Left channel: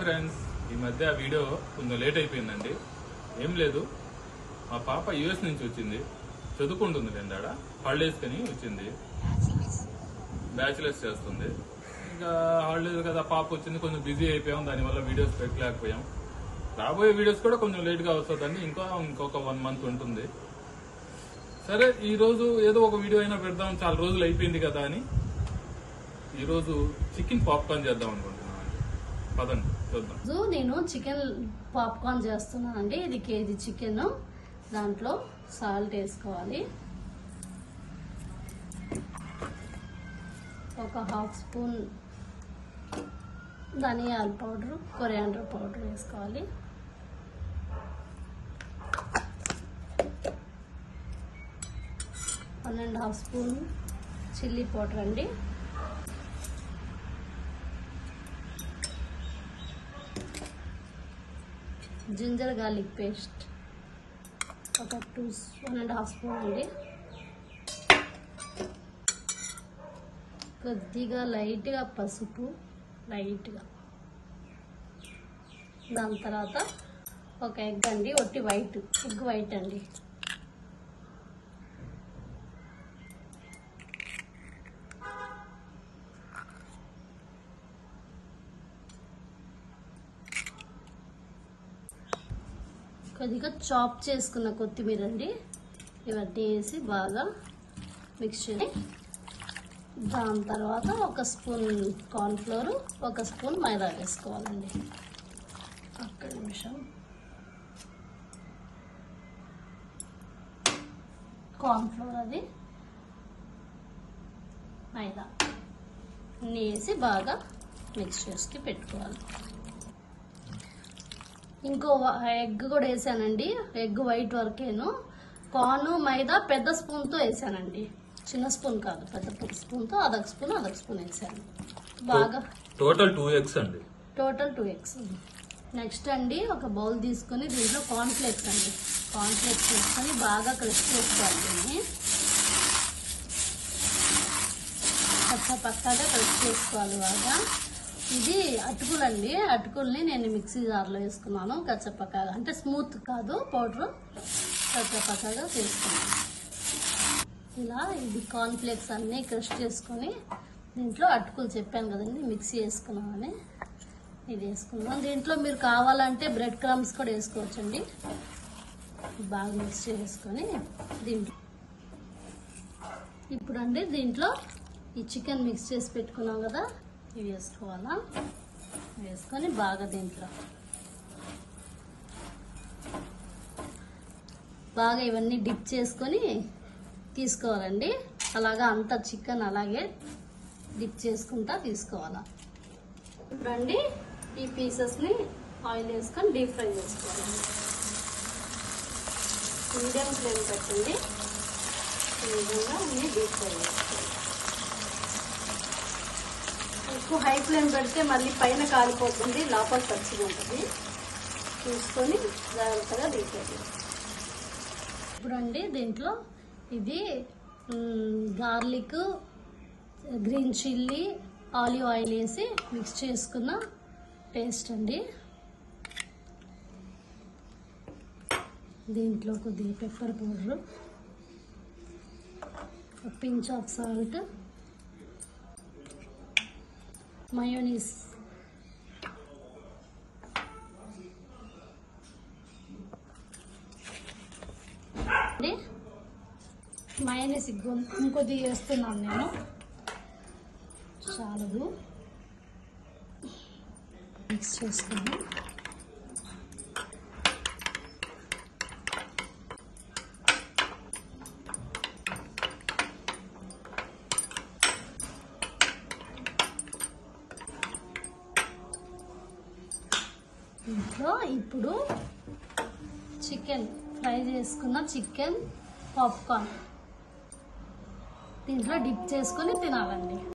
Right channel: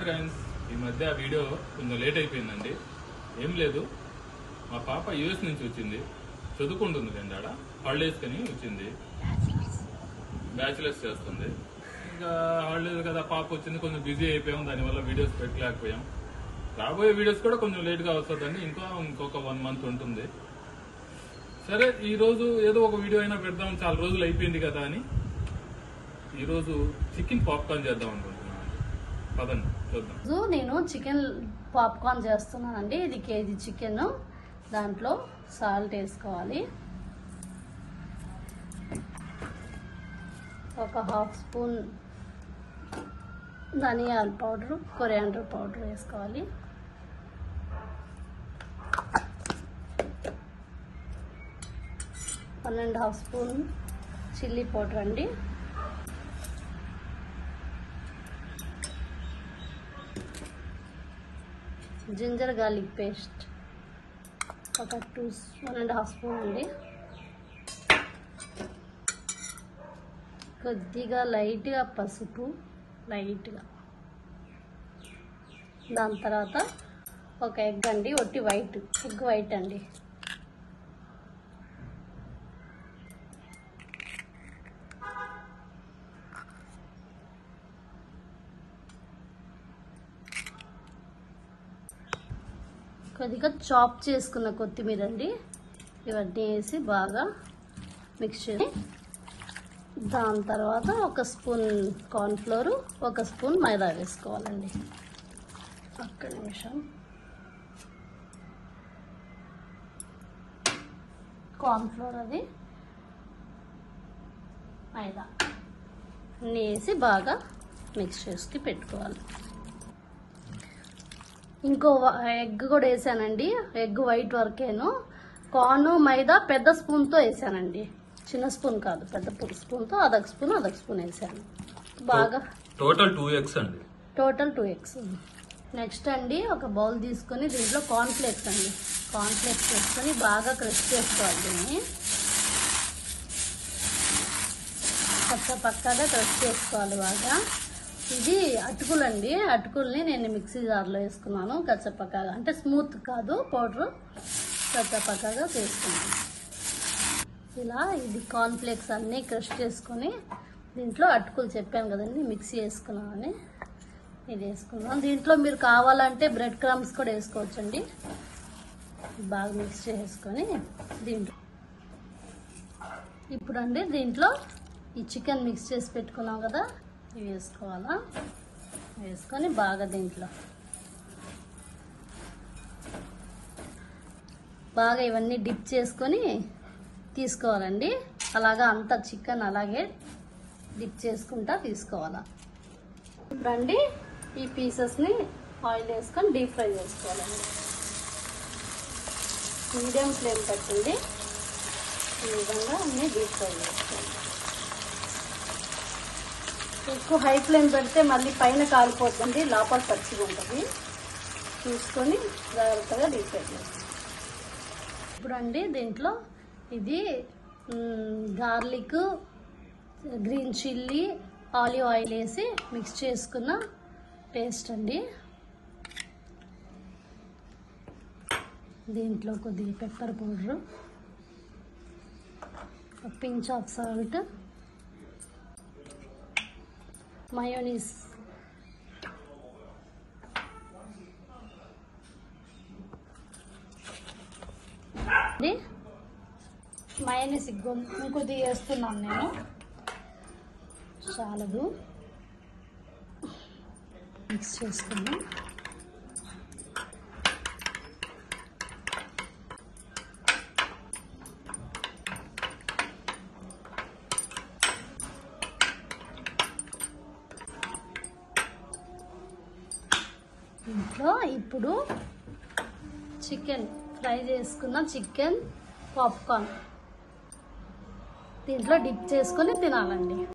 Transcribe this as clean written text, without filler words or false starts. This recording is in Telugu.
ఫ్రెండ్స్ ఈ మధ్య ఆ వీడియో కొంచెం లేట్ అయిపోయిందండి. ఏం లేదు, మా పాప యూఎస్ నుంచి వచ్చింది, చదువుకుంటుంది అండి. ఆడ హాలిడేస్ కని వచ్చింది, బ్యాచిలర్స్ చేస్తుంది. ఇంకా హాలిడేస్ కదా, పాప వచ్చింది, కొంచెం బిజీ అయిపోయాం, దానివల్ల వీడియోస్ పెట్టలేకపోయాం. రాబోయే వీడియోస్ కూడా కొంచెం లేట్ గా వస్తుందండి, ఇంకొక 1 month ఉంటుంది. సరే, ఈ రోజు ఏదో ఒక వీడియో అయినా పెడదాం, చాలా రోజులు అయిపోయింది కదా అని ఈ రోజు చికెన్ పాప్కార్న్ చేద్దాం అనుకుంటున్నాను. పదండి చూద్దాం. నేను చికెన్ పాప్కార్న్ చేస్తున్నానండి. ఇది కేజీ చికెన్. దాంట్లో సాల్ట్ వేసుకోవాలి, ఒక 1/2 స్పూన్ ధనియాల పౌడర్, కొరియాండర్ పౌడర్ వేసుకోవాలి, one and half spoon chilli powder అండి, జింజర్ గార్లిక్ పేస్ట్ ఒక 1.5 స్పూన్ అండి, కొద్దిగా లైట్గా పసుపు, లైట్గా. దాని తర్వాత ఒక ఎగ్ అండి, ఒట్టి ఎగ్ వైట్ అండి, కొద్దిగా చాప్ చేసుకున్న కొత్తిమీర అండి. ఇవన్నీ వేసి బాగా మిక్స్ చేసి, దాని తర్వాత ఒక స్పూన్ కార్న్ఫ్లోర్, ఒక స్పూన్ మైదా వేసుకోవాలండి. ఒక్క నిమిషం. కార్న్ఫ్లోర్, అది మైదా అన్నీ వేసి బాగా మిక్స్ చేసి పెట్టుకోవాలి. ఇంకో ఎగ్ కూడా వేసానండి, ఎగ్ వైట్ వరకేను. కార్న్ మైదా పెద్ద స్పూన్ తో వేసానండి, చిన్న స్పూన్ కాదు, పెద్ద స్పూన్ తో అదొక స్పూన్ వేసాను. బాగా టోటల్ 2 eggs అండి. Total 2 eggs. నెక్స్ట్ అండి, ఒక బౌల్ తీసుకొని దీంట్లో కార్న్ ఫ్లేక్స్ వేసుకొని బాగా క్రష్ చేసుకోవాలి. పక్కగా క్రష్ చేసుకోవాలి బాగా. ఇది అటుకులండి, అటుకుల్ని నేను మిక్సీ జార్లో వేసుకున్నాను కచ్చపక్కగా, అంటే స్మూత్ కాదు, పౌడర్ కచ్చపక్కగా వేసుకున్నాను. ఇలా ఇది కార్న్ ఫ్లేక్స్ అన్ని క్రష్ చేసుకుని దీంట్లో అటుకులు చెప్పాను కదండి మిక్సీ వేసుకున్నామని, ఇది వేసుకున్నాం. దీంట్లో మీరు కావాలంటే బ్రెడ్ క్రమ్స్ కూడా వేసుకోవచ్చండి. బాగా మిక్స్ చేసుకొని దీంట్లో ఇప్పుడండి దీంట్లో ఈ చికెన్ మిక్స్ చేసి పెట్టుకున్నాం కదా, ఇవి వేసుకోవాలా. వేసుకొని బాగా దీంట్లో బాగా ఇవన్నీ డిప్ చేసుకొని తీసుకోవాలండి. అలాగా అంతా చికెన్ అలాగే డిప్ చేసుకుంటా తీసుకోవాలా. ఇప్పుడండి ఈ పీసెస్ని ఆయిల్ వేసుకొని డీప్ ఫ్రై చేసుకోవాలండి. మీడియం ఫ్లేమ్ పెట్టండి, ఈ విధంగా అన్నీ డీప్ ఫ్రై చేసుకోవాలి. ఎక్కువ హై ఫ్లేమ్ పెడితే మళ్ళీ పైన కాలిపోతుంది, లోపల పచ్చిగా ఉంటుంది. చూసుకొని జాగ్రత్తగా డీప్ ఫ్రై చేసుకోవాలి. ఇప్పుడండి దీంట్లో ఇది garlic, green chilli, olive oil వేసి మిక్స్ చేసుకున్న పేస్ట్ అండి. దీంట్లో కొద్దిగా pepper powder, pinch of salt, mayonnaise, ఇంకొద్ది వేస్తున్నాను నేను, చాలదు. మిక్స్ చేసుకుని ఇప్పుడు చికెన్ ఫ్రై చేసుకున్న చికెన్ పాప్కార్న్ దీంట్లో డిప్ చేసుకొని తినాలండి.